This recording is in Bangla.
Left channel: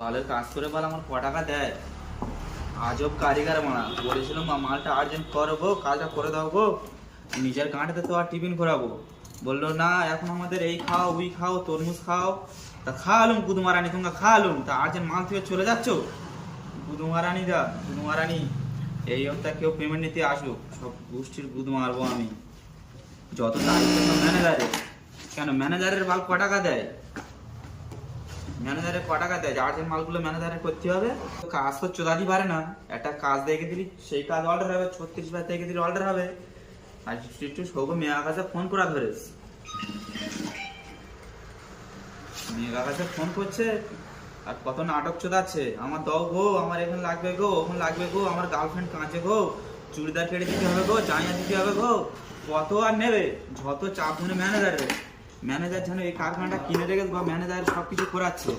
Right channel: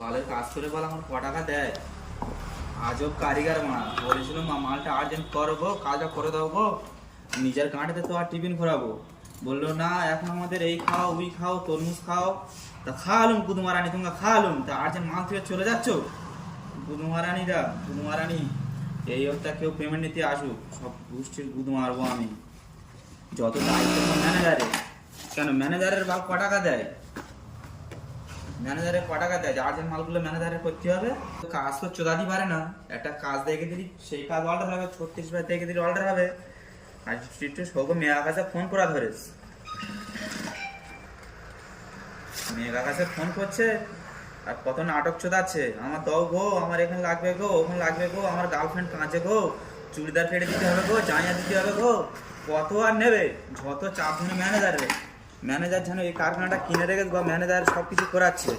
তাহলে কাজ করে বল আমার ক টাকা দেয়? আজব কারিগর মানা, বলেছিলাম মালটা আর্জেন্ট করবো, কাজটা করে দেবো, নিজের গাঁটে তো আর টিফিন করাবো। বললো না এখন আমাদের এই খাও ওই খাও তরমুজ খাও। তা খাওয়ালুম গুদমারানি, তোমরা খাওয়ালুম, তা আর্জেন্ট মাল থেকে চলে যাচ্ছ গুদমারানি দা গুদমারানি। এই হপ্তাহ কেউ পেমেন্ট নিতে আসুক, সব গোষ্ঠীর গুদ মারবো আমি। যত তারিখ ম্যানেজারে, কেন ম্যানেজারের মাল ক টাকা দেয়? ম্যানেজারের ক টাকা দেয়? আর্জেন্ট মালগুলো ম্যানেজারের করতে হবে। কাজ তো চোদাতে পারে না, একটা কাজ দেখে দিলি সেই কাজ অর্ডার হবে, 36 বার দেখে দিলি অর্ডার হবে। আর একটু সৌগ মেয়ের কাছে ফোন করা ধরেস, মেয়ের কাছে ফোন করছে আর কত নাটক চোদাচ্ছে, আমার দাও গো, আমার এখানে লাগবে গো, ওখানে লাগবে গো, আমার গার্লফ্রেন্ড কাঁচে গো, চুড়িদার কেটে দিতে হবে গো, জাঁয়া দিতে হবে গো, কত আর নেবে? যত চাপ ধরে ম্যানেজারের, ম্যানেজার যেন এই কারখানাটা কিনে রেখে বা ম্যানেজার সবকিছু করাচ্ছে।